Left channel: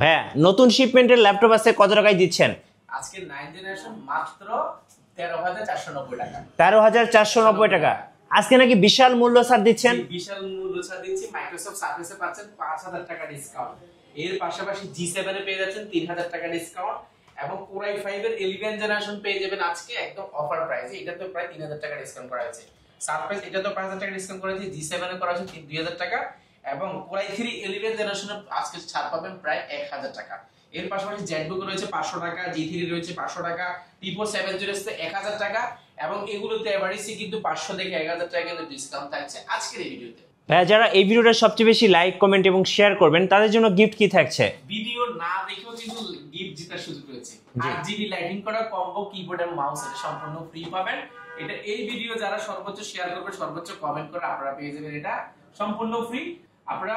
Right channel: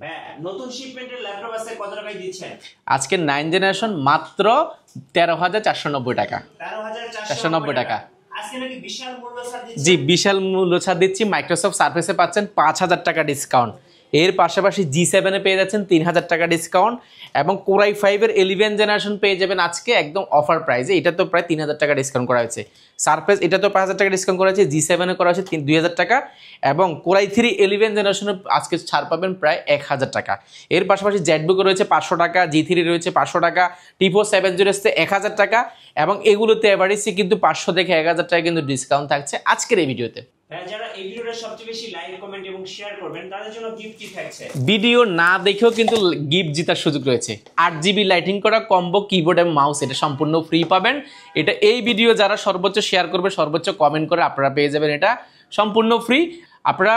ভাইয়া নতুন শিপমেন্টের ল্যাপটপ আছে কত টাকায় দিচ্ছেন? আজকে 9 জেনারেশন মাত্র 13,490 টাকা। 13,490 টাকা। আজকে নাকি বিশাল মূল্য ছাড় দিচ্ছেন? জি, বিশাল মূল্য ছাড় দিচ্ছি। মাইক্রোসফট সারফেসে পাচ্ছেন 5,000 টাকা ডিসকাউন্ট। এর পাশাপাশি G7 এ পেয়ে যাচ্ছেন 3,000 টাকা ডিসকাউন্ট এবং Core i5 এর 11 জেনারেশন পেয়ে যাবেন আজকে একদম অফার প্রাইসে। এটা তো প্রায় 3,000 টাকা ডিসকাউন্ট করা হয়েছে। সারফেস এটা তো 5,000 টাকা ডিসকাউন্ট করা হয়েছে, G7 এ করা হয়েছে 2,000 টাকা এবং Core i3 11 জেনারেশনে আজকে ছাড় পাবেন প্রায় 1,000 টাকা। এর পাশাপাশি জেটবুক রয়েছে 500 টাকা, G3 রয়েছে 500 টাকা, T4 70 1000 টাকা এবং এগুলোতে এভারেজে কিন্তু 500 থেকে 1,000 টাকা কিন্তু ডিসকাউন্ট থাকছে আজকের এই ভিডিওতে। ভাইয়া যারা এই ভিডিওটা সবচেয়ে বেশি লাইক কমেন্ট এবং শেয়ার করবেন তাদের জন্য গিফট কি থাকছে? ভিডিও না দেখেও কিন্তু গিফট জেতার সুযোগ রয়েছে। 8GB লাইটিং করা কম্বো কিবোর্ড এবং মাউস, এটা সম্পূর্ণ ফ্রি পাবেন। এটা এই ভিডিও যারা সর্বোচ্চ শেয়ার করবে, সর্বোচ্চ কমেন্ট করে আপনারা পেয়ে যাবেন এটা সম্পূর্ণ ফ্রি। আপনারা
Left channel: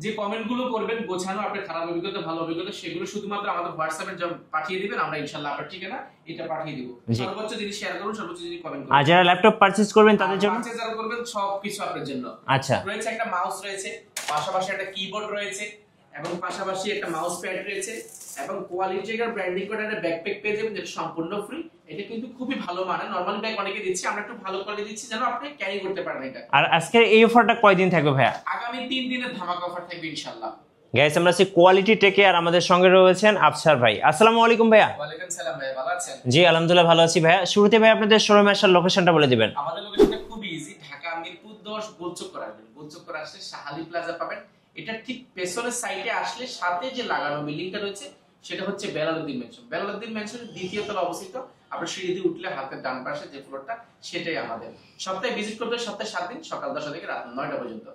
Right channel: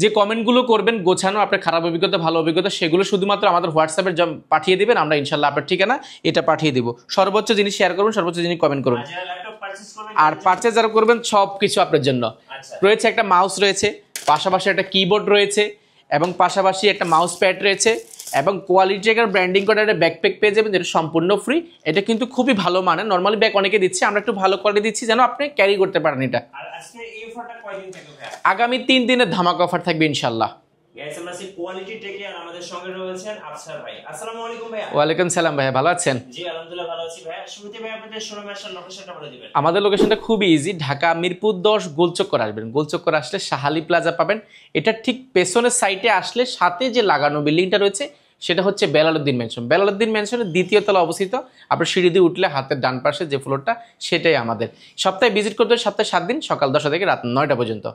যে কমেন্টগুলো করবেন গোছানো, আপনার খারাপ অভিজ্ঞতা ভালো অভিজ্ঞতা সেগুলো শুধুমাত্র আমাদের হোয়াটসঅ্যাপে পাঠিয়ে দিবেন, আমরা ইনশাল্লাহ আপনার ঠিকানা এটা পাঠিয়ে দিব। সর্বোচ্চ জিনিস শেয়ার করবেন, সর্বোচ্চ জিনিস কমেন্ট করবেন। আর যারা ল্যাপটপ পারচেজ করবেন আর পারচেজ যারা করবেন সবকিছু আপনার জন্য। আচ্ছা, রয়েছে একটা মাউস রয়েছে, পাশাপাশি একটা কিবোর্ড রয়েছে এবং পাশাপাশি একটা মাউস প্যাড রয়েছে এবং কোয়ালিটি একটা ব্র্যান্ডিং করা একটা ব্যাকপ্যাক পেয়ে যাবেন যেটা সম্পূর্ণ ফ্রি। এটা কিন্তু খুবই ভালো মানের, নরমালি ব্যাগ অনেকে দিচ্ছে, আমরা একটু ভালো কোয়ালিটি দিচ্ছি যেন আপনি ক্যারি করতে পারেন এটা। আর আজকের এই অফারটা কয়দিন থাকবে ভাইয়া? আগামী 3 দিনের ধামাকা অফার থাকবে ইনশাআল্লাহ। গাইস আমরা আছি কোয়ালিটি টেকে আর আমাদের সঙ্গে রয়েছেন আফসার ভাই। আসসালামু আলাইকুম ভাইয়া। ওয়ালাইকুম সালাম ভাইয়া, ভালো আছেন? জি আলহামদুলিল্লাহ ভালো আছি ভাইয়া। শুরুতে ভাই আপনাদের শোরুমে আসার লোকেশনটা বলে দিবেন। আমাদের লোকেশনটা খুবই ইজি, ঢাকা মিরপুর 10 গোলচক্কর আসবেন। গোলচক্কর আসলে শাহালি প্লাজা পাবেন। এটা ঠিক পেছনের সাইডে আসলে সাথে যে লাগানো বিল্ডিংটা রয়েছে সেটা হচ্ছে বেলালউদ্দিন ম্যানশন। বেলালউদ্দিন ম্যানশনের দ্বিতীয় তলা অবস্থিত। আপনার সিঁড়ি দিয়ে উঠলে হাতের ডান পাশে যে ফ্লোরটা সেটাই আমাদের। সপ্তাহে ভিজিট করতে হয় সপ্তাহে 7 দিন, সকাল 10টা থেকে রাত 9টা পর্যন্ত।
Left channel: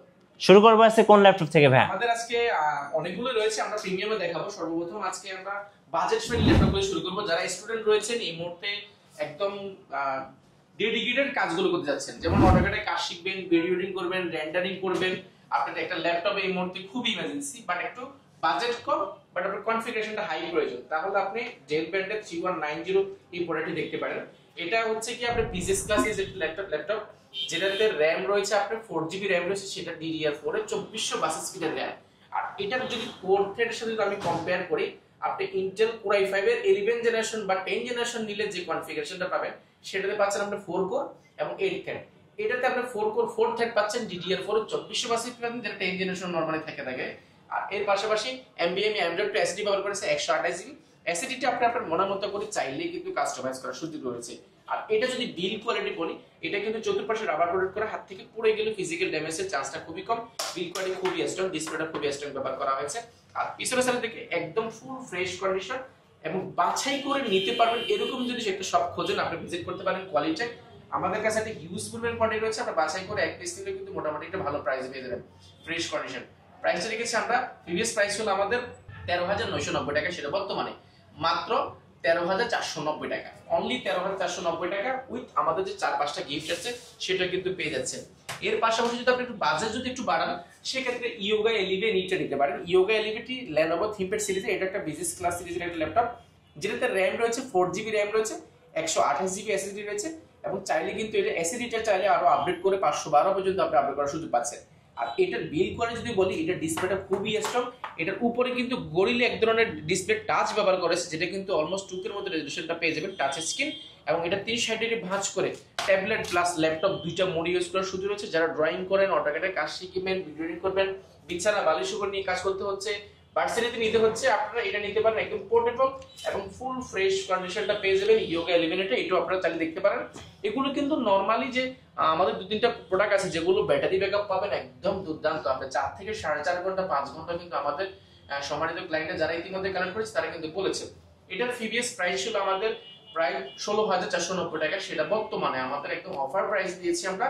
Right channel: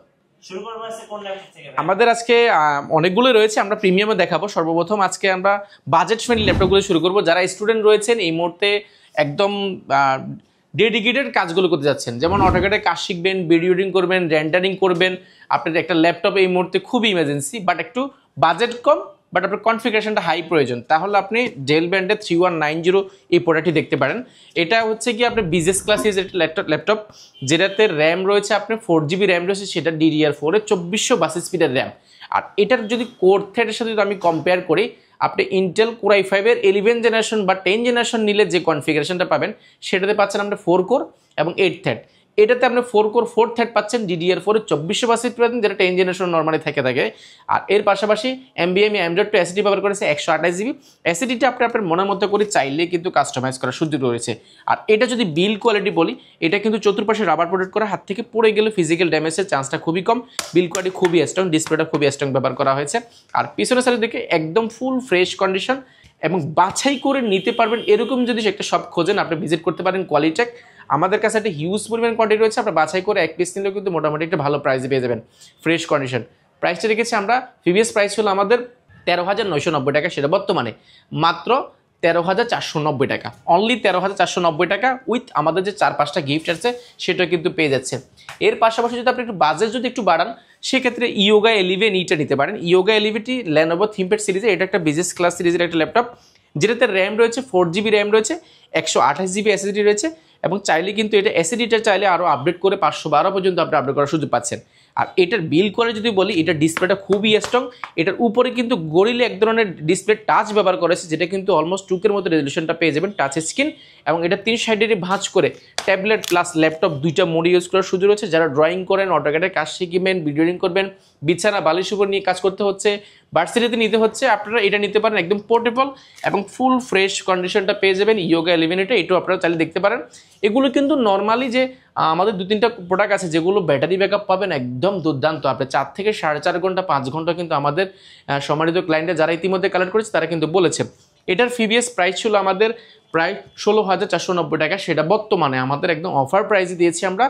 শুরু করবো আজকে কোন ল্যাপটপ থেকে ভাই? আমাদের আজকে অনেকগুলো রয়েছে, আমরা প্রিমিয়ামে দেখাবো। সর্বপ্রথম আজকে আমরা বাজেট ফ্রেন্ডলি ল্যাপটপগুলো শুরু করবো। যারা স্টুডেন্ট রয়েছেন এই মুহূর্তে একদম ডেডিকেটেড কাজগুলো করতে যাচ্ছেন, যেমন অটোক্যাডে কাজ শিখবেন, ভিডিও এডিটিং করবেন, রেন্ডারিং করবেন, আপনাদের একটা ল্যাপটপ এই মুহূর্তে খুবই ইমার্জেন্সি বাট একটু বাজেট কম বাট আপনার কনফিগারেশনটা হাই প্রয়োজন, তাহলে আপনি ডেল ব্র্যান্ডের 3190 এই প্রোডাক্টটি দেখতে পারেন। এটা হচ্ছে কি আপনার বিজনেস ক্লাস ল্যাপটপ যেটাতে র্যাম রয়েছে আপনার 4GB র্যাম রয়েছে, সেটা DDR4 এর 2400 স্পিডের র্যাম। আর এটার যদি কোর থ্রেডের সাথে যদি আমি কম্পেয়ার করি, আপনি ইন্টেল Core i5 এর 11 জেনারেশন বা 10 জেনারেশন নিলে যে কনফিগারেশনটা পাবেন সেটাতে পাচ্ছেন আপনি 4 কোর এবং 8 থ্রেড। এটাতে আপনি 4 কোর 4 থ্রেড পাচ্ছেন, DDR4 এর 2400 স্পিড পাচ্ছেন যেটা 10 জেনারেশন নরমালি থাকে। আর এর পাশাপাশি NVMe M.2 SSD ব্যবহার করেছে 128GB। SSDটা আপনি আপনার মনের মতো করে চাইলে কিন্তু কাস্টমাইজ করার সুযোগ রয়েছে। আর এটা যদি বিল্ড কোয়ালিটি বলি, এটা কিন্তু চতুর্পাশে রাবার প্রোটেক্ট করা, হাত থেকে পড়ে গেলে ফিজিক্যাল ড্যামেজের চান্সটা খুবই কম। বিল্ড কোয়ালিটি খুবই স্ট্রং, ডিসপ্লেটা খুবই স্ট্রং ব্যবহার করা হয়েছে। আর পিছনের সাইডে দেখে একদম ফুল ফ্রেশ কন্ডিশন এবং বাছাই করে নিতে পারবেন এরকম যদি একটা শপ খোঁজেন আপনি ভিজিট করতে পারেন কোয়ালিটেক। আমাদের কাছে একটা হিউজ পরিমাণ কোয়ান্টিটি রয়েছে, আপনার বাছাই করে এক পিস নিলেও কিন্তু মোটামুটি একটা ভালো প্রাইসে পেয়ে যাবেন ফ্রেশ কন্ডিশন। প্রাইসটা রেখেছি আমরা, প্রিভিয়াস প্রাইস হলো আমাদের 13,990 টাকা, সেটা বর্তমানে মাত্র 13,490 টাকা। অনলি 13,490 টাকা উইথ আমাদের যে 4-5টা গিফট আছে সেটা কিন্তু পেয়ে যাচ্ছে। এর পাশাপাশি যদি আপনি একটু বাজেট যদি একটু বাড়ান সেক্ষেত্রে ইয়োগা 11 ইটা নিতে পারেন। ইয়োগা 11টি Lenovo ThinkPad সিরিজে, এটা একটা বিজনেস ক্লাস সিরিজের একটা ল্যাপটপ যেটাতে র্যাম রয়েছে 4GB র্যাম রয়েছে, 128GB SSD রয়েছে এবং চাইলে কিন্তু এটা SSDটা চাইলে আরও আপডেট করে 512 পর্যন্ত আপনি আপডেট করার সুযোগ পাচ্ছেন। আর এটার বিল্ড কোয়ালিটি যদি বলি, এটার ডিসপ্লেটা খুবই স্ট্রং। এটার উপরে কিন্তু গরিলা এক ধরনের ডিসপ্লে টাচ ব্যবহার করেছে যেটা কিন্তু অলমোস্ট 2K মতো রেজলিউশনটা পেয়ে যাবেন, টাচ স্ক্রিন। এবং এটা 3 সাইডেরই ভাঁজ করে ট্যাবলেট প্লাস ল্যাপটপ দুইটা মোড ইউজ করার সুযোগ রয়েছে। যারা ড্রয়িং করেন, অটোক্যাডের কাজ শিখবেন, ভিডিও এডিটিং করবেন, বিছানা বালিশ উপর নিয়ে কাজ করতে হচ্ছে, ভার্সিটিতে নিতে হচ্ছে, আপনারা এটা নিতে পারেন। একদম পোর্টেবল এবং ফুল ফ্রেশ কন্ডিশনটা পেয়ে যাবেন ইয়োগা 11 এটাও আপনারা চাইলে দেখতে পারেন। এগুলো কিন্তু নর্মালি যে আমাদের 2-3টা প্রোডাক্ট আছে যেগুলো ব্যাটারি ব্যাকআপ পাবেন একদম দুর্দান্ত, আপনি 4 থেকে 4.5 ঘন্টা 5 ঘন্টা কিন্তু আমাদের সম্মানিত ক্লায়েন্টরা যারা ইতিমধ্যে কালেক্ট করেছে তারা কিন্তু বলেছে। এটার প্রিভিয়াস প্রাইস ছিল আমাদের প্রায় 16,490 টাকা, সেটা বর্তমানে আমাদের একদম অফার প্রাইসে দিয়েছি আমরা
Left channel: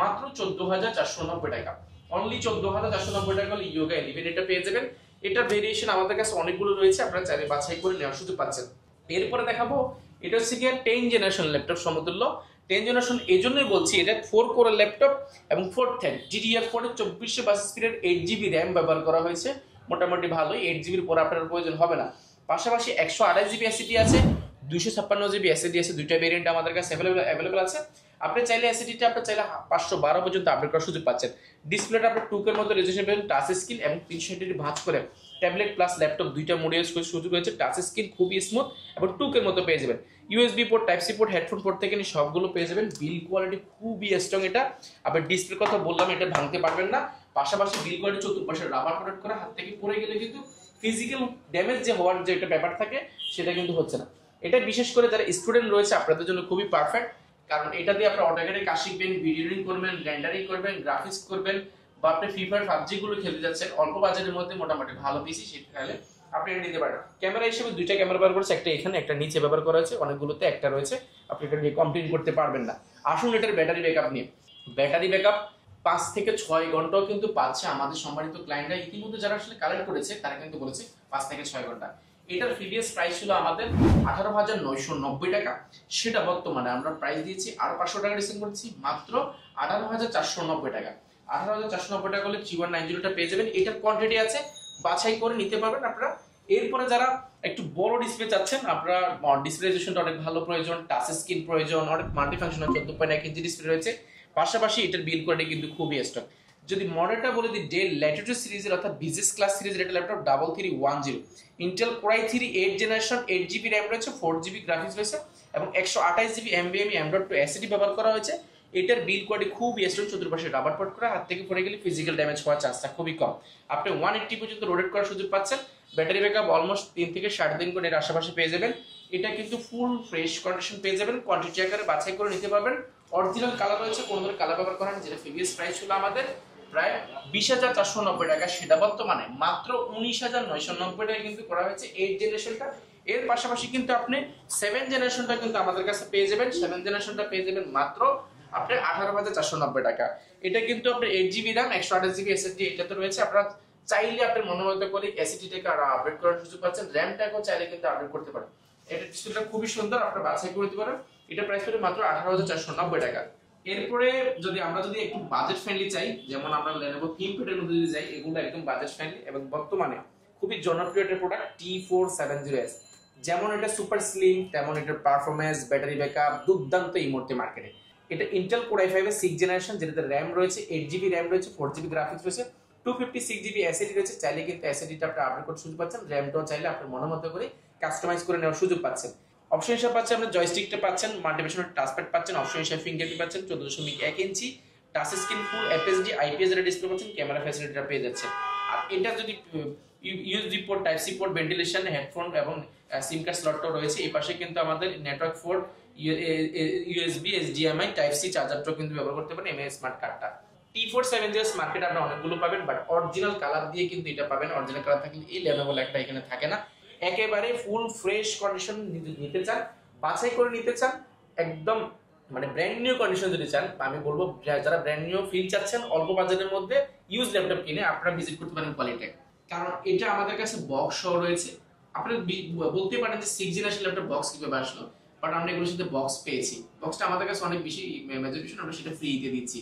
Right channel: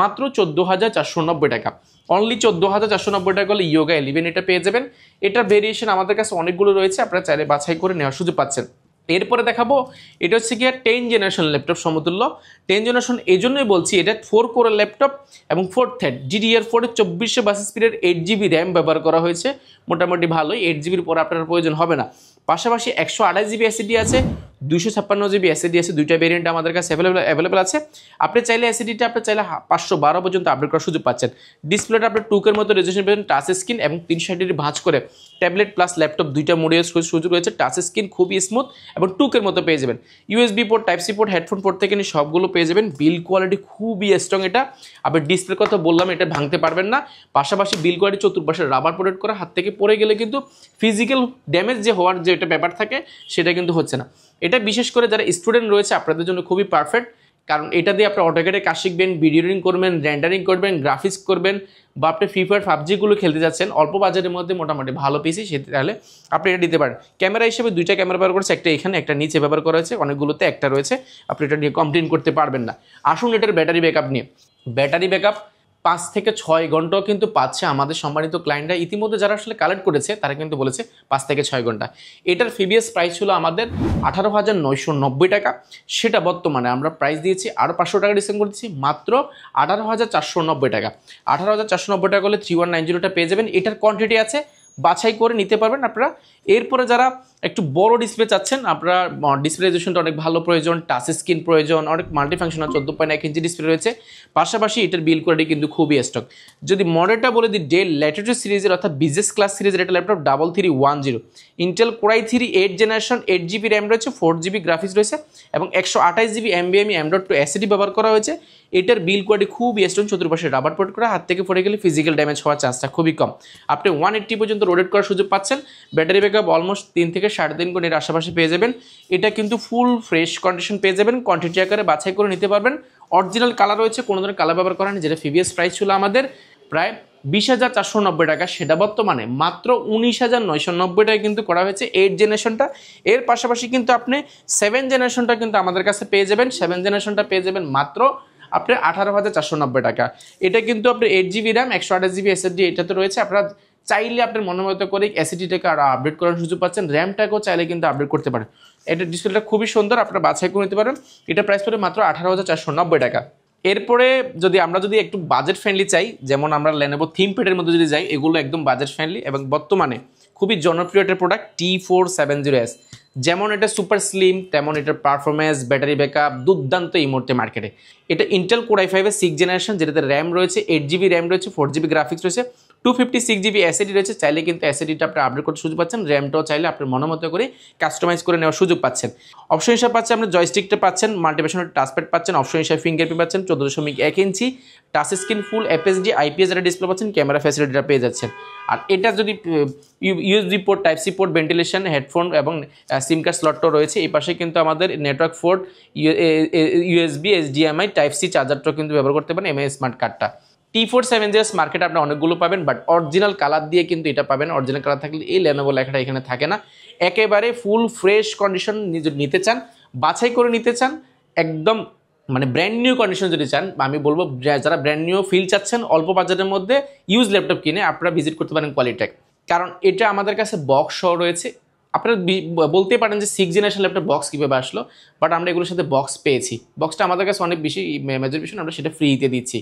মাত্র 14,490 টাকা। অনলি 14,490 টাকা হলে ইয়োগা 11 এটা পেয়ে যাবেন। এটা ভেরিয়েশন আমাদের কাছে অনেকগুলো রয়েছে, আপনারা চাইলে বাছাই করে নেওয়ার সুযোগ পাচ্ছেন। এরপরে দেখাবো এটা হচ্ছে কি 10 জেনারেশন ল্যাপটপ সমতুল্য। 10 জেনারেশন এই জন্যই বলছি, এটা 4 কোরের ল্যাপটপ এবং 4 থ্রেড DDR4 এর 2400 স্পিডের 8GB র্যাম ব্যবহার করা হয়েছে। মোটামুটি ভালোই, 8GBর পর আপনার প্রয়োজন হবে না। পাশাপাশি 128GB SSD আছে, 256 জিবি এসএসডি আছে, দুইটা ভেরিয়েন্ট আমাদের কাছে অ্যাভেলেবল আছে। আপনি চাইলে এসএসডিটা আপনি চাইলে 512 পর্যন্ত আপডেট করার সুযোগ পাচ্ছেন। ডিসপ্লেটা আপনার 2K মতো রেজোলিউশন পাবেন, টাচ স্ক্রিন এবং 360 ডিগ্রি ভাঁজ করে ট্যাবলেট প্লাস ল্যাপটপ দুইটা মোডে সুযোগ রয়েছে। টাচ স্ক্রিন খুবই স্মুথ এবং 2K মতো পেয়ে যাবেন। USB port, type C port, headphone port থেকে নিয়ে সবগুলো পেয়ে যাবেন। বিল কোয়ালিটি খুবই স্ট্রং এটা। আবার ডিসপ্লের কথা বললাম, এটা ভাঙতে পারবেন না। পাশাপাশি বিল কোয়ালিটি চতুর্পাশে রাবার প্রোটেক্ট করা, হাত থেকে পড়ে গেলে কিন্তু ফিজিক্যাল ড্যামেজ যে হওয়ার যে একটা ব্যাপার থাকে সেটা কিন্তু হচ্ছে না। এটা বিশেষ করে যারা স্টুডেন্ট রয়েছে আপনাদের জন্য খুবই পারফেক্ট, কারণ এটা দিয়ে আপনি অটোক্যাডে কাজ শিখবেন, ভিডিও এডিটিং করবেন, রেন্ডারিং করবেন, গ্রাফিক্স করবেন, বা আপনি ফ্রি ফায়ার পাবজিগুলো খেলতে যাচ্ছেন অল্প বাজেটের মধ্যে মোটামুটি ভালো পিসি, সেটা তাহলে আপনি এটা দিতে পারেন। ক্যামেরা হিসেবে দুইটা ক্যামেরা ব্যবহার করেছে, একটা এখানে একটা নিচে ব্যবহার করা হয়েছে, অনেকগুলোতে একটা রয়েছে, আপনি এটা নিয়ে কমপ্লেন করতে পারবেন না। আসুন এটার ব্যাটারি ব্যাকআপ নিয়ে। ব্যাটারি ব্যাকআপ 5 থেকে 6 ঘন্টাও কিন্তু পাচ্ছে আমাদের সম্মানিত ক্লায়েন্টরা। ইতিমধ্যে যারা আসলে কালেক্ট করেছে তারা কিন্তু বলেছে 5 থেকে 6 ঘন্টা। এটার প্রিভিয়াস প্রাইস ছিল আমাদের 18,990 টাকা, সেটা বর্তমানে আমরা প্রাইস দিয়েছি আরও 500 টাকা ডিসকাউন্ট করেছি, মাত্র 18,490 টাকা। 18,490 টাকা হলে 3190টা পেয়ে যাবেন। এটার কোয়ান্টিটি আছে, বাছাই করে নিতে পারবেন আপনারা। এরপরে যারা একটু বড় ডিসপ্লে চাচ্ছেন, আপনারা ডিসপ্লে রেজোলিউশনটা অনেক ভালো প্রয়োজন, টাচ স্ক্রিন প্রয়োজন, অনেক মাল্টিফাংশনাল 14.1 ইঞ্চি ডিসপ্লে রয়েছে। পাশাপাশি এটার বিল কোয়ালিটি কিন্তু খুবই স্ট্রং। যদি মডেলটা বলে দিই, ডেল ল্যাটিটিউড সিরিজের অর্থাৎ বিজনেস ক্লাস সিরিজের এটা laptop 3310, Intel core i3 8 generation, 8GB RAM রয়েছে, 4GB গ্রাফিক্স রয়েছে এবং 128GB NVMe M.2 SSD ব্যবহার করা হয়েছে। এটার বিল কোয়ালিটি খুবই স্ট্রং, চতুর্পাশে রাবার প্রোটেক্ট করা, হাত থেকে পড়ে গেলে ফিজিক্যাল ড্যামেজ হওয়ার চান্সটা খুবই কম। আপনি 180 পর্যন্ত রোটেট করার সুযোগ পাচ্ছেন। ব্যাটারি ব্যাকআপ অলমোস্ট 3 থেকে 3.5 ঘন্টার আশেপাশে পেয়ে যাবেন। এটা কিন্তু ফুল ফ্রেশ কন্ডিশন পেয়ে যাবেন, কোয়ান্টিটি আকারে বাছাই করে নিতে পারবেন। অরিজিনাল কালার রয়েছে, কোনো ধরনের কালার ব্যবহার করা নেই। যেটা প্রিভিয়াস প্রাইস ছিল আমাদের প্রায় 20,490 টাকা, সেটা বর্তমানে মাত্র 19,990 টাকায় কিন্তু করা হয়েছে 8 জেনারেশনটা। এর পাশাপাশি কিন্তু আপনি 7 জেনারেশনটা কিন্তু আমাদের কাছে পেয়ে যাবেন। 7 জেনারেশনটা পেয়ে যাবেন মাত্র আপনি 18,490 টাকা। এটা কিন্তু আপনি 8GB র্যাম, 128GB SSD এটা তো রয়েছে। আপনারা চাইলে আপনার মনোমত করে SSD-টাকে আরও আপডেট করার সুযোগ পাচ্ছেন, র্যামটাকেও চাইলে কিন্তু আপডেট করতে পারেন। এটা ডিসপ্লেটা খুবই সুন্দর, আপনারা বাছাই করে নিতে পারেন। এটা প্রাইস পড়ে মাত্র 18,490 টাকা। এরপরে আমরা যদি একটু বাজেট ফ্রেন্ডলি চাই, যেমন আমরা Lenovo ThinkPad-এর মধ্যে যদি যাই, এগুলো একদম বাজেট ফ্রেন্ডলি এবং বর্তমানে খুবই জনপ্রিয় একটা প্রোডাক্ট T470S। যেমন এটা সুপার স্লিম, তেমন এটার পারফরমেন্স, ব্যাটারি ব্যাকআপ দুর্দান্ত এই মুহূর্তে মার্কেটে। এটা ইন্টেল কোর i5-এর 6 জেনারেশন, যেটাতে র্যাম রয়েছে, 8GB র্যাম রয়েছে, 4GB গ্রাফিক্স রয়েছে, 256GB SSD রয়েছে। চাইলে কিন্তু SSD-টা আপনি আপডেট করতে সুযোগ পাচ্ছেন, র্যামটাও চাইলে আপনার মনোমতো করে কাস্টমাইজ করে নেওয়ার সুযোগ পাচ্ছেন। অপশন হিসাবে পাচ্ছেন আপনি জয়স্টিকটা পাচ্ছেন, মাল্টিপ্যাশনাল টাচপ্যাড পাচ্ছেন, অপশন হিসাবে ফিঙ্গারপ্রিন্ট পাচ্ছেন, 14.1 inch touch screen, full FHD IPS display পাচ্ছেন, ক্যামেরা ফ্যাসিলিটিটা পেয়ে যাচ্ছেন। আর এটা যদি USB port, type C port, ventilation, headphone এবং সিম কার্ড স্লটটাও রয়েছে। এই পাশে কিন্তু আমাদের network port, USB, HDMI, type C চার্জারটাও কিন্তু ব্যবহার করতে পারেন, MI স্মার্ট কার্ডটা। T470S মার্কেটে আপনি অনেকগুলো পাবেন, বাট অরিজিনাল কালার দিয়ে কিন্তু এটা পাবেন। অরিজিনাল কালার থাকলে এই Lenovo লেখাটা এখানে থাকে না। একেবারে ফুল ফ্রেশ কন্ডিশন নিতে চান, বাছাই করে নিতে চান, একদম মানে ব্র্যান্ড নিউ কন্ডিশন যদি চান, আমি বলবো যারা ব্র্যান্ড নিউ ফিল চাচ্ছেন অল্প বাজেটের মধ্যে ইউজ ল্যাপটপ কিনে, আপনারা ভিজিট করতে পারেন কোয়ালিটেক, কারণ এটা আমাদের কাছে বক্স সহ রয়েছে। আপনারা বলতে পারেন যে 6 জেনারেশন ল্যাপটপ বক্স কীভাবে আসলো, বাট আমরা এগুলোর সাথে বক্স পেয়েছি। বক্সটা আমাদের কাছে অনেক বেশি মেজর বিষয়, আমরা সেটা ফ্রিতে দিচ্ছি।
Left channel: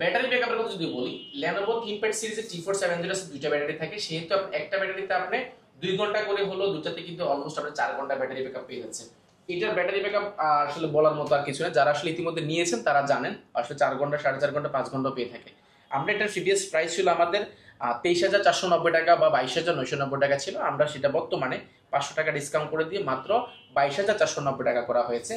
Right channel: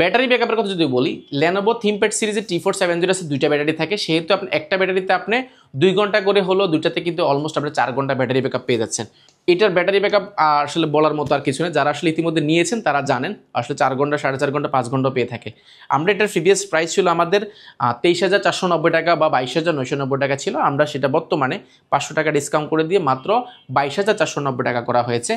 ব্যাটারি ব্যাকআপের কথা যদি বলি, Lenovo ThinkPad সিরিজের T470 দুইটা ব্যাটারি থাকে, সেহেতু আপনি একটা ব্যাটারিতে আপনি 2 ঘন্টা করে হলো, দুইটাতে কিন্তু অলমোস্ট আপনি 4 ঘন্টা ব্যাটারি ব্যাকআপ পেয়ে যাচ্ছেন। এটার ব্যাটারি ব্যাকআপ আসলে বলার মতো আর কিছু না, যারা আসলে ইতিমধ্যে নিয়েছেন তারা জানেন আসলে 4 ঘন্টা, 4.5 ঘন্টা, 5 ঘন্টা পেয়ে থাকে। আমরা এটার প্রিভিয়াস প্রাইস ছিল আমাদের 23,490 টাকা বা 22,990 টাকা ছিল, আমরা সেটা বর্তমানে 500 টাকা ডিসকাউন্ট করে দিয়ে মাত্র 22,490 টাকা করা হয়েছে।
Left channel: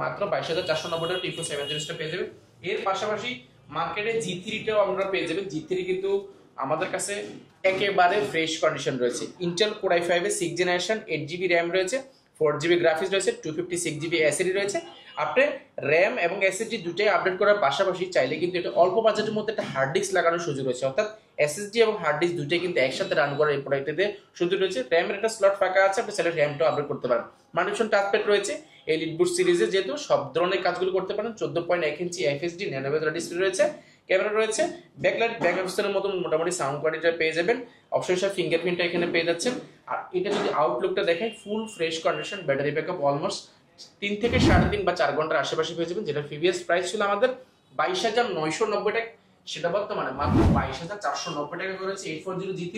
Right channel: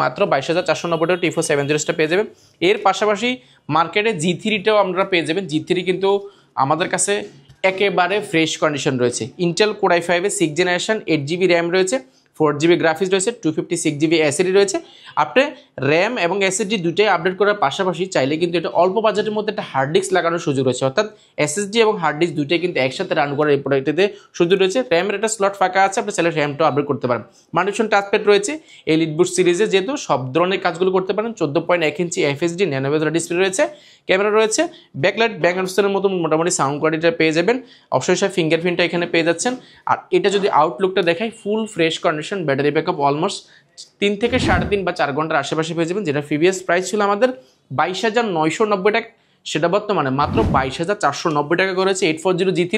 মাত্র 22,490 টাকা T470টা পেয়ে যাবেন। এর পাশাপাশি মার্কেটে G3টাও আমরা পেয়ে যাবেন। G3 কিন্তু আমাদের কাছে একেবারে ফ্রেশ কন্ডিশন রয়েছে। ইন্টেল কোর i5-এর 6 জেনারেশন, 8GB র্যাম রয়েছে, 4GB গ্রাফিক্স রয়েছে, 256GB SSD রয়েছে। আপনি র্যাম এবং SSD দুটোই আপডেট করার পাশাপাশি চাইলে কিন্তু এটা অল্প বাজেটের মধ্যে একটা হার্ড ডিস্ক লাগানোর সুযোগ রয়েছে, অর্থাৎ SSD এবং হার্ড ডিস্ক দুটোই কিন্তু একসাথে রান করার এই প্রোডাক্টটিতে সুযোগ রয়েছে। র্যামের একটা স্লট ফাঁকা আছে, আপনি চাইলে র্যামটাও আপডেট করতে পারেন। মাল্টিফাংশন টাচপ্যাড রয়েছে, এলিট বুস্ট সিরিজে যেহেতু সব ধরনের কাজগুলো করতে পারেন। 14.1 ইঞ্চি FHD ন্যানোভেজার ডিসপ্লে রয়েছে, ক্যামেরা রয়েছে, ব্যাকলাইট, ব্যাক অ্যান্ডস্টের মতো মোটামুটি সাউন্ড কোয়ালিটিটা পেয়ে যাবেন। অবশ্যই সব ফিঙ্গারপ্রিন্টটা এখানে পেয়ে যাচ্ছেন। আর এটা যদি আউটলুকটা দেখাই, full fresh condition, battery backup almost 3 থেকে 3.5 বা 4 ঘন্টার আশেপাশে পেয়ে যাবেন। যেটা প্রিভিয়াস প্রাইস ছিল আমাদের 22,990 টাকা, সেটা বর্তমানে মাত্র 22,490 টাকা করেছে। 840 G3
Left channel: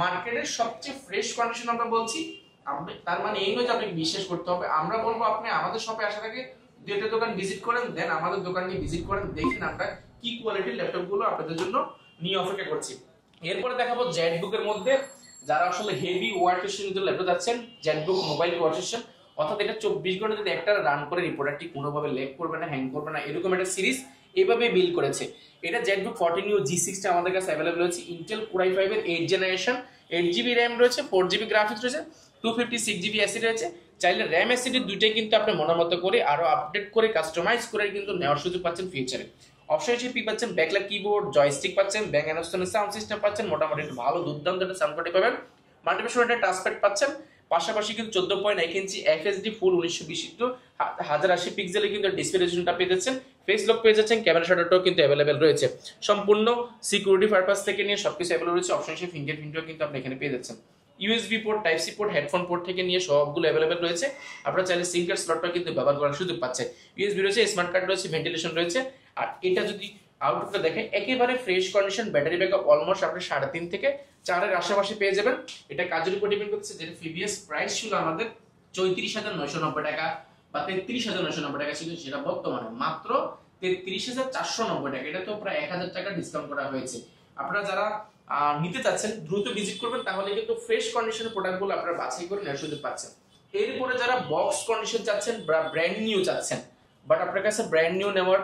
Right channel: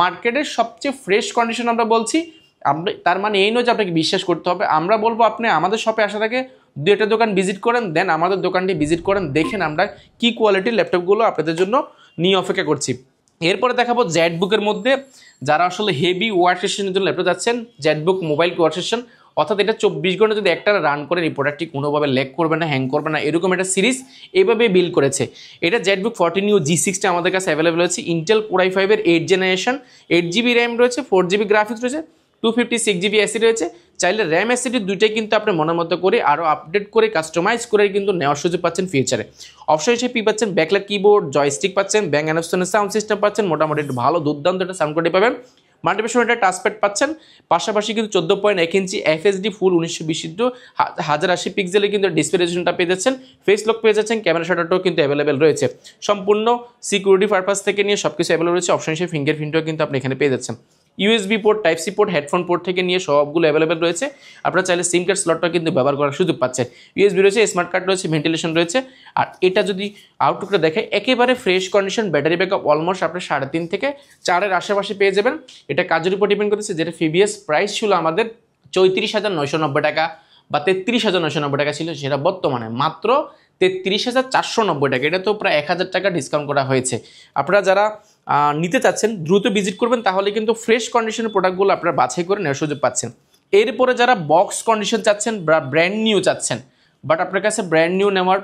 মার্কেটের সবচেয়ে ফ্রেশ কন্ডিশন আমরা বলছি। আমরা তার মানে এই নয় যে আপনাকে বিশ্বাস করতে হবে, আমরা বলবো আপনি আমাদের শপে আসার আগে দু একটা দোকান ভিজিট করেন, দেন আমাদের দোকানটি ভিজিট করেন, দেখেন আমরা কি কোয়ালিটির ল্যাপটপগুলো আপনাদের জন্য নিয়ে অপেক্ষা করছি। এরপরে দেখাবো জেটবুকের মধ্যে যারা আসলে হেভি ওয়ার্ক সেশনের জন্য ল্যাপটপ যাচ্ছেন, জেটবুক মোবাইল ওয়ার্ক সেশন, অর্থাৎ এটা 24 ঘন্টা যদি একটা রান করেন এই প্রোডাক্টটি কোনোভাবে ল্যাগ করবে না, হ্যাং করবে না, এরকম একটা সিরিজ এইভাবে বিল্ড করেছে। এটা জেটবুক 14U G6টা আমাদের কাছে অ্যাভেলেবল আছে। ইন্টেল কোর i5 এর 8 জেনারেশন, 8GB র্যাম রয়েছে, 4GB গ্রাফিক্স রয়েছে, 256GB এসি রয়েছে। চাইলে র্যাম এসিডি দুইটাই কিন্তু আপনি মনের মতো করে আরও আপডেট করে কাস্টমাইজ করে কিন্তু নেওয়ার সুযোগ পাচ্ছেন ফিউচারে। অপশন হিসেবে কি পাচ্ছেন, ব্যাকলাইট কিবোর্ড, জয়স্টিক পাচ্ছেন, ব্যাং অ্যানস্টনের সাউন্ড সিস্টেম পাচ্ছেন, মোটামুটি একটু ভালো দুর্দান্ত একটা সাউন্ড কোয়ালিটি পাবেন। মাল্টিপ্যাশন একটা টাচপ্যাড পাচ্ছেন, পাশাপাশি কিন্তু 14.1 ইঞ্চি FHD ফুল 1920 1080 পিক্সেলে কিন্তু ডিসপ্লে রেজোলিউশনটা পেয়ে যাচ্ছেন, ফেস লক পেয়ে যাচ্ছেন, ক্যামেরা শাটারটাও কিন্তু অ্যাভেলেবেল রয়েছে। সম্পূর্ণ সিকিউরিটি পারপাস থেকে নিয়ে সবকিছু অ্যাভেলেবল রয়েছে। অপশন হিসেবে ফিঙ্গারপ্রিন্টও কিন্তু আপনি এখানে পেয়ে যাচ্ছেন। USB port, type C port, headphone port থেকে নিয়ে সবগুলো অ্যাভেলেবেল রয়েছে। আপনারা চাইলে সিম কার্ড স্লটটা কিন্তু ব্যবহার করার সুযোগ পাচ্ছেন। ইউএসবি রয়েছে, স্মার্ট কার্ড রয়েছে, ভেন্টিলেশন রয়েছে। আর এটা যদি আউটলুকটা দেখে একেবারে fresh condition, battery backup almost আপনি 3.5 থেকে 4-এর আশেপাশে পেয়ে যাবেন। এটা কাজের উপর ডিপেন্ড করতেছে, যেটা প্রিভিয়াস প্রাইস ছিল আমাদের 34,990 টাকা বা 33,990 টাকা ছিল, সেটা বর্তমানে মাত্র 33,490 টাকা। এটা তো প্রায় 1,000 টাকা ডিসকাউন্ট করা হয়েছে। আপনারা যারা নিতে চাচ্ছেন দ্রুত ভিজিট করবেন, তাহলে কিন্তু ফ্রেশ কন্ডিশনের প্রোডাক্টগুলো আপনারা বাছাই করে নেওয়ার সুযোগ পাচ্ছেন। এরপরে যারা বক্স কন্ডিশন চাচ্ছেন বা ব্র্যান্ড নিউ চাচ্ছেন, বাট আপনার কাছে ব্র্যান্ড নিউ নেওয়ার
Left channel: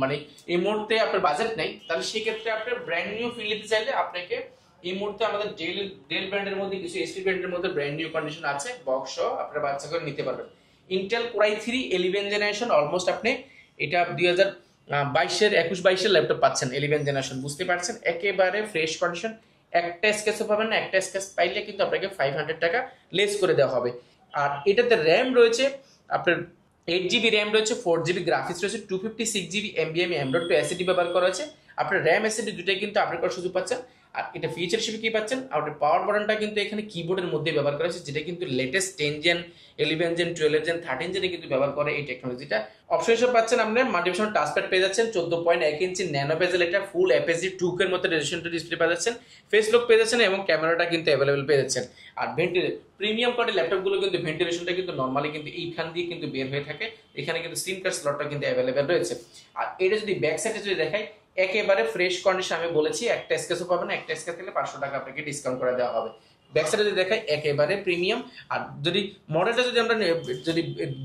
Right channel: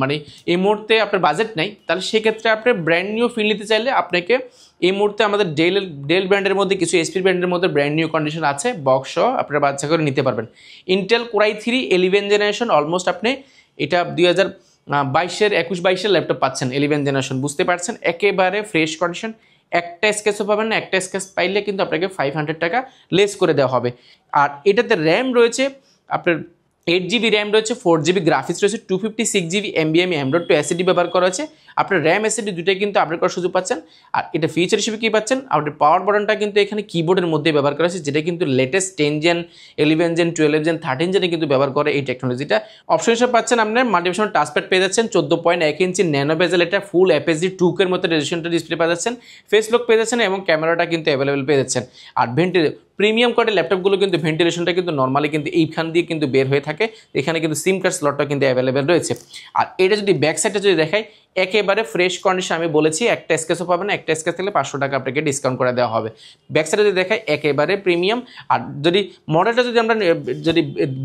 মানে এই মুহূর্তে আপনার বাজেট নেই, তাহলে সেক্ষেত্রে আপনি ব্র্যান্ড নিউ ফিল নিতে চাইলে আপনাকে এই মুহূর্তে আমাদের ডেল ব্র্যান্ডের মধ্যে কিছু এসপি ব্র্যান্ডের মধ্যে ব্র্যান্ড নিউ কন্ডিশন আছে, বক্স সহ আপনারা বাছাই করে নিতে পারবেন। Intel core i3 11 generation, almost আপনি এটা 2022-এর ল্যাপটপ পাচ্ছেন 11 জেনারেশন, বুঝতে পারছেন একেবারে ফ্রেশ কন্ডিশন। একটা স্কেচও পাবেন না, একটা স্কেচ পাইলে কিন্তু আপনাকে 500 টাকা লেস করে দেওয়া হবে। আর এটাতে র্যাম রয়েছে আপনার 8GB র্যাম রয়েছে, 4GB গ্রাফিক্স রয়েছে, 256GB NVMe M.2 SSD ব্যবহার করা হয়েছে। আপনার র্যাম SSD দুটোই কিন্তু আপডেট করার সুযোগ পাচ্ছেন। আর এটা ফিচার হিসেবে কি পাচ্ছেন, আপনার পাওয়ার বাটনটা কিন্তু এখানে কিবোর্ডের মধ্যে ব্যবহার করা হয়েছে, যেটা কিন্তু লেটেস্ট 10 জেন, 11 জেন, 12 জেন, 13 জেনে কিন্তু ব্যবহার করে এই টেকনোলজিটা। অপশন হিসেবে পাচ্ছেন আপনার মাল্টিপ্যাশন টাচপ্যাড পেয়ে যাচ্ছেন, 14.1 ইঞ্চি ন্যানো বেজেল, এটা ফুল FHD 2K মতো রেজোলিউশনটা ডিসপ্লে পেয়ে যাচ্ছেন, ফেস লক পেয়ে যাচ্ছেন এবং ক্যামেরাটা কিন্তু অ্যাভেলেবেল পেয়ে যাচ্ছেন। আর প্রিমিয়াম কোয়ালিটির ল্যাপটপগুলো কিন্তু ভেন্টিলেশনটা কিন্তু নর্মালি কিন্তু এইখান দিয়ে কিন্তু বের হয়ে থাকে, এখানে কিন্তু সিম কার্ড স্লটটা কিন্তু অ্যাভেলেবেল রয়েছে। আর এটা যদি ব্যাক সাইডে যদি দেখাই, একেবারে ফ্রেশ কন্ডিশন, আমি বলেছি একটা স্কেচও পাবেন না, একটা স্কেচ থাকলে 500 টাকা আপনাকে ডিসকাউন্ট করে দেওয়া হবে। ব্যাক সাইডে যদি দেখাই একেবারে প্রিমিয়াম। আর যদি মডেলটা যদি আমরা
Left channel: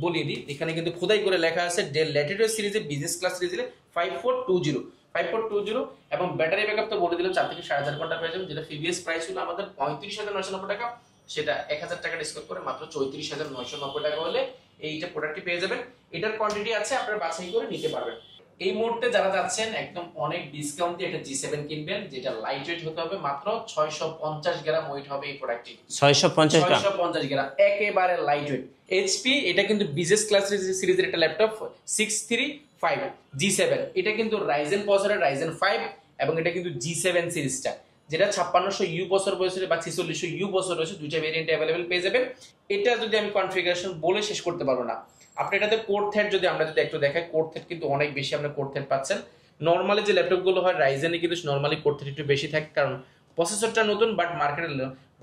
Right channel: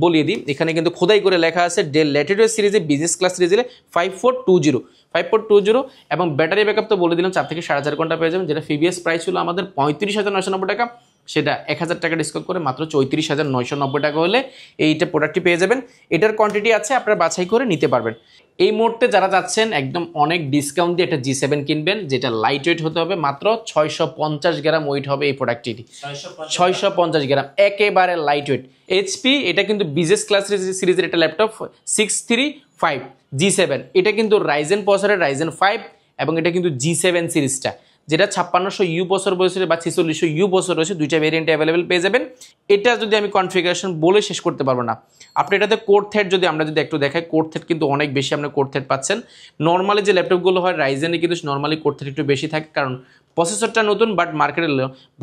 বলিয়ে দিই, এখানে কিন্তু খোদাই করে লেখা আছে ডেল ল্যাটিটিউড সিরিজে বিজনেস ক্লাস সিরিজে 5420 এবং ব্যাটারি ব্যাকআপ তো বলে দিলাম 4 থেকে 4.5 ঘন্টা পেয়ে যাবেন, যেটা প্রিভিয়াস প্রাইস ছিল আমাদের 35,990 টাকা, সেটা 1,000 টাকা ডিসকাউন্ট করে মাত্র 34,990 টাকা হলে এইটা প্রোডাক্টটি পেয়ে যাবেন। এটার কোয়ান্টিটি আছে, আপনারা বাছাই করে নিতে পারবেন। এই মুহূর্তে যারা যাচ্ছেন একদম অনেক ডিসকাউন্ট দিয়ে একটা G7 কিনবেন, যেটা লাইট ওয়েট হতে হবে, মাত্র 650 গ্রাম ওয়েট হবে এই প্রোডাক্টটি, 650 গ্রাম, একেবারে লাইট ওয়েট। HP এটা কিন্তু বিজনেস ক্লাস সিরিজের একটা ল্যাপটপ 635 G7, এটা কিন্তু রাইজেন প্রসেসরের রাইজেন 5 এবং এটা কিন্তু G7 সিরিজটা, যেটা 5600U বছর বয়সে বা 4600U বছর রয়েছে, দুইটা ভেরিয়েন্ট অ্যাভেলেবেল পেয়ে যাবেন। এটা যদি আমি কনফিগারেশন বলে শেষ করতে পারবো না। আপনি এটাতে কোর থ্রেড যদি আমরা যদি একটু দেখাই, কোর থ্রেড কিন্তু অনেক বেশি আপনি কোর থ্রেড পাচ্ছেন। নর্মালি যে ল্যাপটপগুলো হয় রাইজেনে কিন্তু নর্মালি কোর থ্রেড একটু বেশি থাকে, কারণ প্রসেসরটা নতুন, বাট মার্কেটে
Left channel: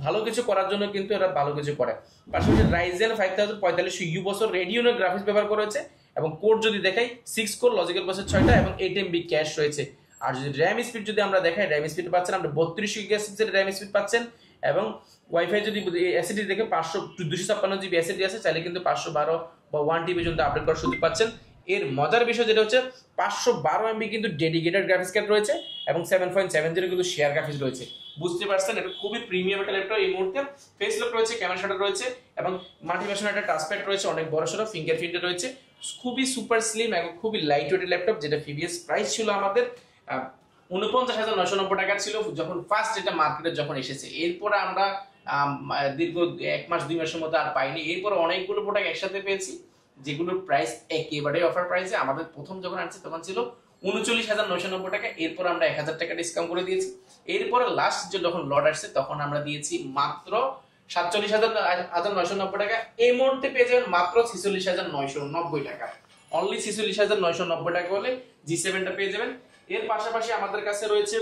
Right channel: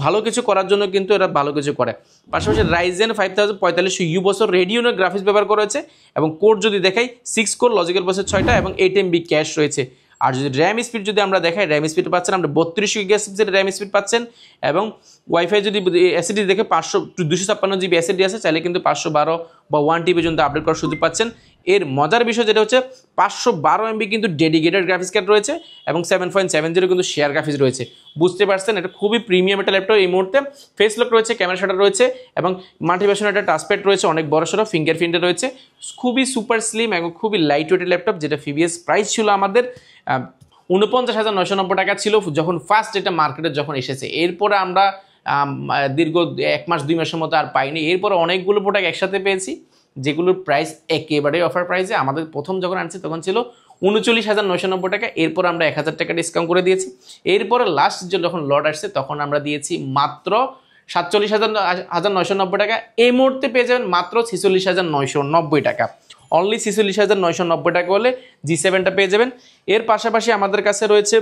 ভালো কিছু করার জন্য কিন্তু এরা ভালো কিছু করে। পাশাপাশি রাইজেন 5045U বছর রেডিওনের গ্রাফিক্স ব্যবহার করা হয়েছে এবং কোর যদি দেখাই 6 কোর লজিক্যাল প্রসেসর 6টা এবং 8MB ক্যাশ রয়েছে। আর যদি র্যাম স্পিড যদি আমরা দেখাই, র্যাম স্পিড পাচ্ছেন আমরা 32 গিগাবাইটের র্যাম স্পিড পাচ্ছেন এবং ওয়াইফাই যদি এসএসডি দেখে 256GB এসএসডি আছে, চাইলে কিন্তু 512 বা 1TB পর্যন্ত আপডেট করার সুযোগ পাচ্ছেন। এর মজার বিষয় যেটা হচ্ছে 512 MB কিন্তু ডেডিকেটেড গ্রাফিক্স কার্ড রয়েছে এবং 7.70 কিন্তু শেয়ার গ্রাফিক্স রয়েছে, বুঝতে পারছেন এটা খুবই প্রিমিয়াম একটা ল্যাপটপ। এই মুহূর্তে ফেস লক রয়েছে, ক্যামেরা শাটার রয়েছে এবং মাল্টিপ্যাশন একটা টাচপ্যাড রয়েছে, অনেক বড় সড়ো ফিঙ্গারপ্রিন্টে রয়েছে, খুবই সুপার স্লিম এবং খুবই লাইট ওয়েটের ল্যাপটপ, যেটা প্রিভিয়াস প্রাইস ছিল আমাদের 49,990 টাকা ছিল যখন ফার্স্ট এটা মার্কেটে যখন এসেছে। এরপরে আমরা দীর্ঘ 1 মাস 2 মাসের মতো আর পাইনি, এরপরে অনেকগুলো প্রোডাক্ট একসাথে পেয়েছি যেগুলোর প্রাইস একেবারে অফার প্রাইসে। আমাদের প্রথম যখন আনছি তখন ছিল 39,990 টাকা, এরপর আমরা 1,000 টাকা ডিসকাউন্ট করে দিয়েছি। এরপরে লাস্ট যখন লট আসছে তখন আমরা দিয়েছি মাত্র 47,990 টাকা, এই মুহূর্তে পেয়ে যাবেন মাত্র 46,990 টাকা। অনলি 46,990 টাকা হলে G7টা পেয়ে যাবেন। এর পাশাপাশি আমাদের কাছে রয়েছে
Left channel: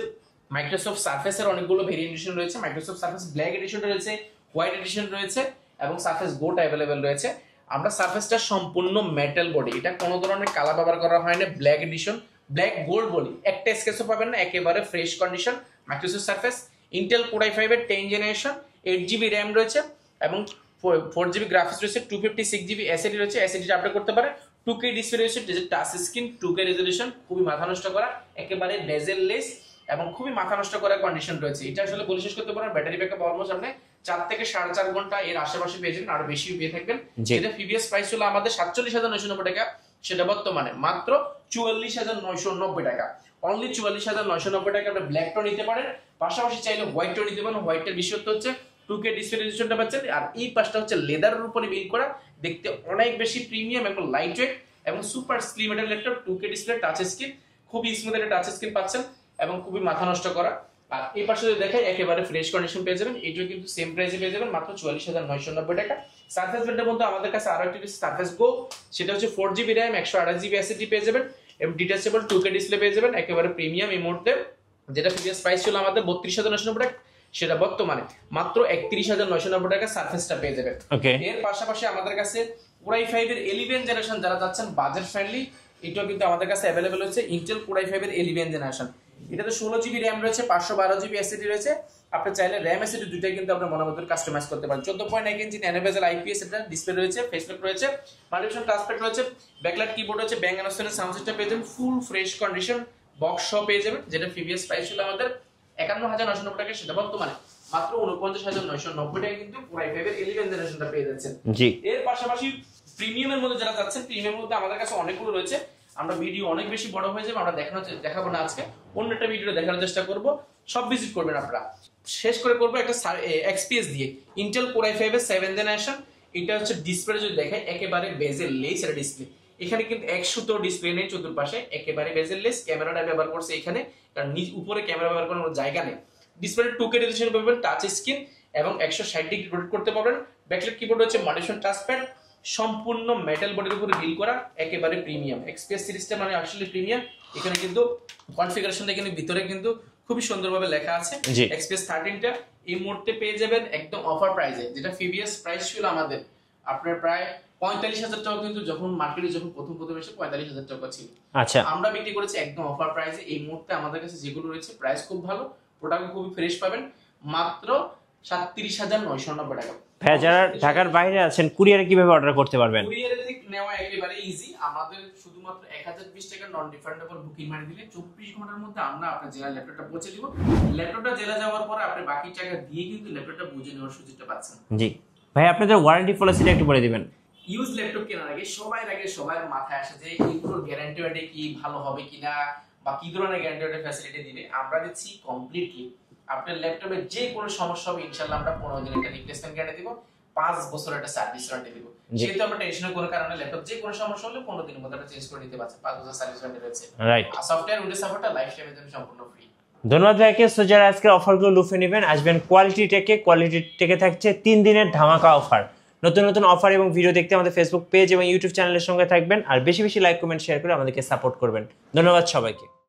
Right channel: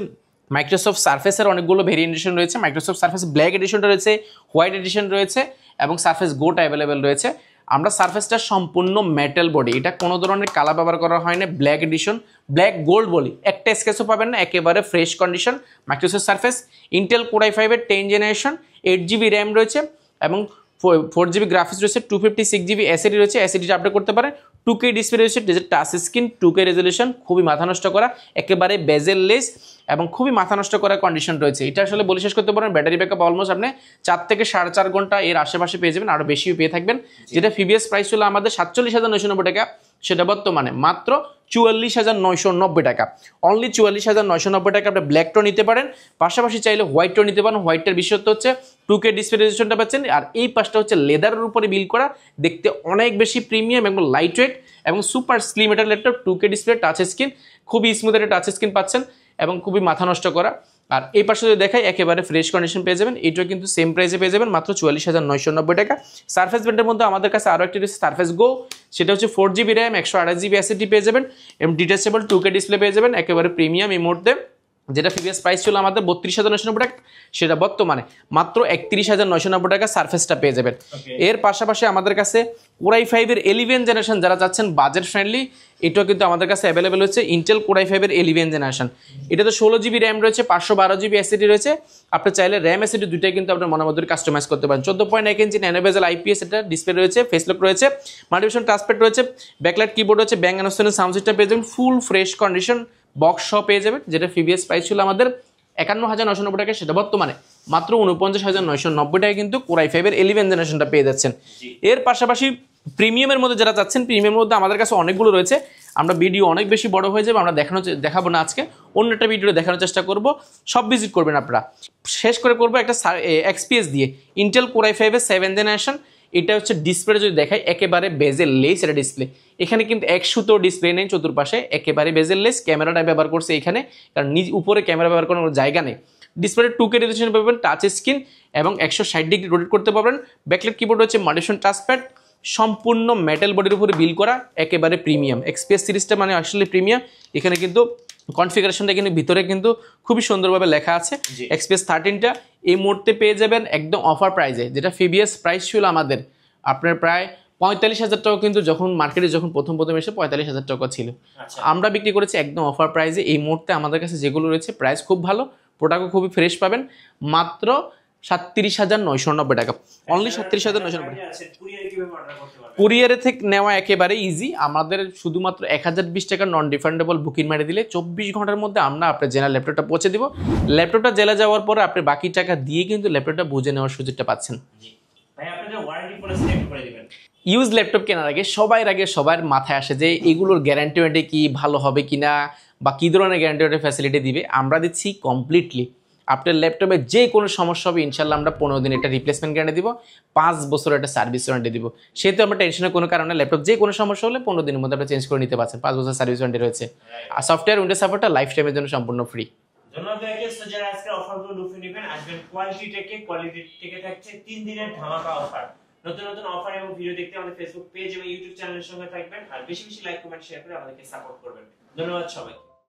মাইক্রোসফট সার্ফেসের অনেকগুলো ভেরিয়েন্টেশন রয়েছে। মাইক্রোসফট সার্ফেস ব্ল্যাক এডিশনটা রয়েছে, হোয়াইট এডিশন রয়েছে এবং সার্ফেস গোটা অ্যাভেলেবেল রয়েছে। আমরা সার্ফেসটা সম্পূর্ণ মেটাল বডি, এটা কোনো ধরনের কালার ব্যবহার করা হয় না। ব্ল্যাক এডিশন, ব্ল্যাক গোল্ড বলি, একটা স্কেচও পাবেন না, একেবারে fresh condition. Microsoft surface Intel core i5 এর 10 জেনারেশন, 8GB র্যাম রয়েছে এবং 4GB গ্রাফিক্স রয়েছে, 256GB এসএসডি রয়েছে, এসএসডিটা আপডেট করতে পারে। 2K ডিসপ্লে রয়েছে, টাচ স্ক্রিন, 2K রেজলিউশন, খুবই মাথা নষ্ট করা, একেবারে বেজেললেস এবং খুবই মাথা নষ্ট করা কন্ডিশন রয়েছে। এটা আসলে বলে শেষ করতে পারেন। ব্যাটারি ব্যাকআপ অলমোস্ট আপনি 4 থেকে 4.5 ঘন্টা এর আশেপাশে পেয়ে যাবেন, আরো বেশিও পেয়ে থাকবেন। যেটা প্রিভিয়াস প্রাইস ছিল আমাদের 47,990 টাকা, সেটা বর্তমানে মাত্র 44,990 টাকা। অনলি 44,990 টাকা আপনি ব্ল্যাকটা নিতে পারেন, পাশাপাশি চাইলে হোয়াইটটাও নিতে পারেন। হোয়াইটের বিশেষত্ব হচ্ছে 2K ডিসপ্লে রেজলিউশনটা পাচ্ছেন, আর এই পাশটা হচ্ছে লেদারের উপরে বিল্ড করা, দেখতে অনেক বেশি প্রিমিয়াম এবং লাইট ওয়েট এবং সুপার স্লিম একটা laptop. 2K display, touch screen, খুবই স্মুথ একটা টাচ স্ক্রিন পাচ্ছেন এবং খুবই মাথা নষ্ট করা। আর এই পাশে যদি দেখাই একেবারে ফ্রেশ কন্ডিশন পেয়ে যাবেন, এটাও কিন্তু সেম প্রাইসে পেয়ে যাবেন মাত্র 44,990 টাকা। সার্ফেস ব্র্যান্ডের মধ্যে আমাদের কাছে আরও একটি রয়েছে সার্ফেস গো, সেটা হচ্ছে 4GB র্যাম, 128GB এসএসডি পেয়ে যাবেন এবং ডিটাচেবল 2K ডিসপ্লে পেয়ে যাবেন, একেবারে প্রিমিয়াম এই মুহূর্তে। যেটা প্রিভিয়াস প্রাইস ছিল আমাদের 32,990 টাকা, সেটা বর্তমানে মাত্র 31,990 টাকা সার্ফেসটা পেয়ে যাবেন। এর পাশাপাশি আমাদের কাছে কোর i5 এর 11 জেনারেশন যারা চাচ্ছেন বাজেট ফ্রেন্ডলি, এটাও কিন্তু আমাদের কাছে অ্যাভেলেবেল হচ্ছে। ইন্টেল কোর i5 এর 11 জেনারেশন, এটাতে 16GB র্যাম রয়েছে, 512GB এসএসডি রয়েছে। আপনি চাইলে র্যাম এসএসডি দুইটাই কিন্তু আপনার মনের মতো কাস্টমাইজ করতে পারেন। 14.1 ইঞ্চি ন্যানো বেজেল IPS এটা ডিসপ্লে রয়েছে, ফেসলক রয়েছে, মাল্টিভিশন টাচপ্যাড রয়েছে, ব্যাকলাইট কিবোর্ড রয়েছে, ব্যাং অ্যান্ড সাউন্ড সিস্টেম পেয়ে যাবেন, ফুল ফ্রেশ কন্ডিশন বক্স সহ পেয়ে যাবেন। যেটা প্রিভিয়াস প্রাইস ছিল আমাদের 51,990 টাকা, সেটা বর্তমানে মাত্র 49,990 টাকা কিন্তু কোর i5 এর 11 জেনারেশনটা পেয়ে যাচ্ছেন। এর পাশাপাশি প্রিমিয়ামের মধ্যে যারা চাচ্ছেন, প্রিমিয়ামের মধ্যে আমাদের কাছে অনেকগুলো রয়েছে। আমরা ভিডিও অনেক বেশি বড় হয়ে যাবে, আমরা দেখাবো না আজকে, অন্য একটা ভিডিও দেখানোর চেষ্টা করব। সব ভিজিট করবেন আপনারা। শেষ করে করবো একটা XPS দিয়ে, ইন্টেল কোর i5 এর 7 জেনারেশন। এটা হচ্ছে ডিসপ্লে যদি দেখাই একেবারে বেজেললেস এটা ডিসপ্লে, এখানে কিন্তু এক সুতো ডিসপ্লে নেই চতুর্পাশে, একেবারে বেজেললেস। ক্যামেরাটা ব্যবহার করছে এখানে, কারণ উপরে ক্যামেরা ব্যবহার করার কোনো জায়গা নেই। ডিসপ্লে 2K রেজলিউশন পাবেন, টাচ স্ক্রিন এবং 160 ডিগ্রি রোটেট করতে পারবেন। ব্যাকলাইট কিবোর্ড হচ্ছে, মাল্টিভিশন টাচপ্যাড, সম্পূর্ণ মেটাল বডির উপরে বিল্ড করা, একেবারে প্রিমিয়াম। XPS সিরিজটা মানে আসলে প্রিমিয়াম। এখানে কিন্তু কনফিগারেশনটা কিন্তু ভিতরে কিন্তু খুবই সুন্দরভাবে লেখা আছে। XPS 13টা এই মুহূর্তে পেয়ে যাবেন একদম অফার প্রাইসে, যেটা প্রিভিয়াস প্রাইস ছিল আমাদের আপনার প্রায় 45,000 টাকা, কিন্তু যখন মার্কেটে যখন প্রথম এসে 45,000 টাকা ছিল। আচ্ছা, আমরা বিক্রি করেছি একদম অফার প্রাইসে। এই মুহূর্তে আমাদের কাছে যেগুলো রয়েছে প্রাইস খুব ভালো, প্রোডাক্টও খুবই ফ্রেশ পাবেন, মাত্র 37,990 টাকা। বাইরে আছেন, কুরিয়ারে কিভাবে অর্ডার করতে পারবেন? কুরিয়ারে থেকে নেওয়া একেবারে ইজি। আমাদের শুধুমাত্র 1020 টাকা নন রিফান্ডেবল বুকিং মারি দিলে 24 ঘন্টার মধ্যে আমরা আপনার জেলা ল্যাপটপটা পৌঁছে দিব। ল্যাপটপটা জেলা যাওয়ার পরে আপনি বাকি টাকা দিয়ে কিন্তু ল্যাপটপটা বুঝে নেওয়ার সুযোগটা পাচ্ছেন। জি ভাই, আপনাদের ওয়ারেন্টি পলিসিটা একটু বলে দিবেন। ইউজ ল্যাপটপ কেনার আগে সবার মাথায় আসে যে এগুলোর গ্যারান্টি ওয়ারেন্টি কি, ভালো হবে কিনা বা কি ধরনের গ্যারান্টি ওয়ারেন্টি ফ্যাসিলিটি দিবে। আমরা দিচ্ছি কমপ্লিটলি। আপনার ল্যাপটপে যে কোনো সমস্যা হবে ইনশাল্লাহ আমরা 15 দিন একটা রিপ্লেসমেন্ট গ্যারান্টি দিব, 5 বছর একটা সার্ভিস ওয়ারেন্টি দিব। সেহেতু আমরা টেনশনের কোনো কারণে ল্যাপটপ যে কোনো সমস্যা হলে 15 দিনের মধ্যে আপনি চেঞ্জ করে নিতে পারছেন। 5 বছর সার্ভিস ওয়ারেন্টি রয়েছে। আর সফটওয়্যার উইন্ডোজ সাপোর্টটা লাইফ টাইমের জন্য সম্পূর্ণ ফ্রি। ধন্যবাদ ভাইকে। সো যারা আজকে অফারগুলো লুফে নেবেন, আসবেন কোয়ালিটি টেকে থাকছে 3 দিনের ধামাকা অফার। নতুন অফার এবং ভিডিও দেখতে আমাদের ফেসবুক পেজ এবং ইউটিউব চ্যানেলের সঙ্গে থাকবেন, আর বেশি লাইক কমেন্ট শেয়ার করে আমাদেরকে সাপোর্ট করবেন। ধন্যবাদ সবাইকে।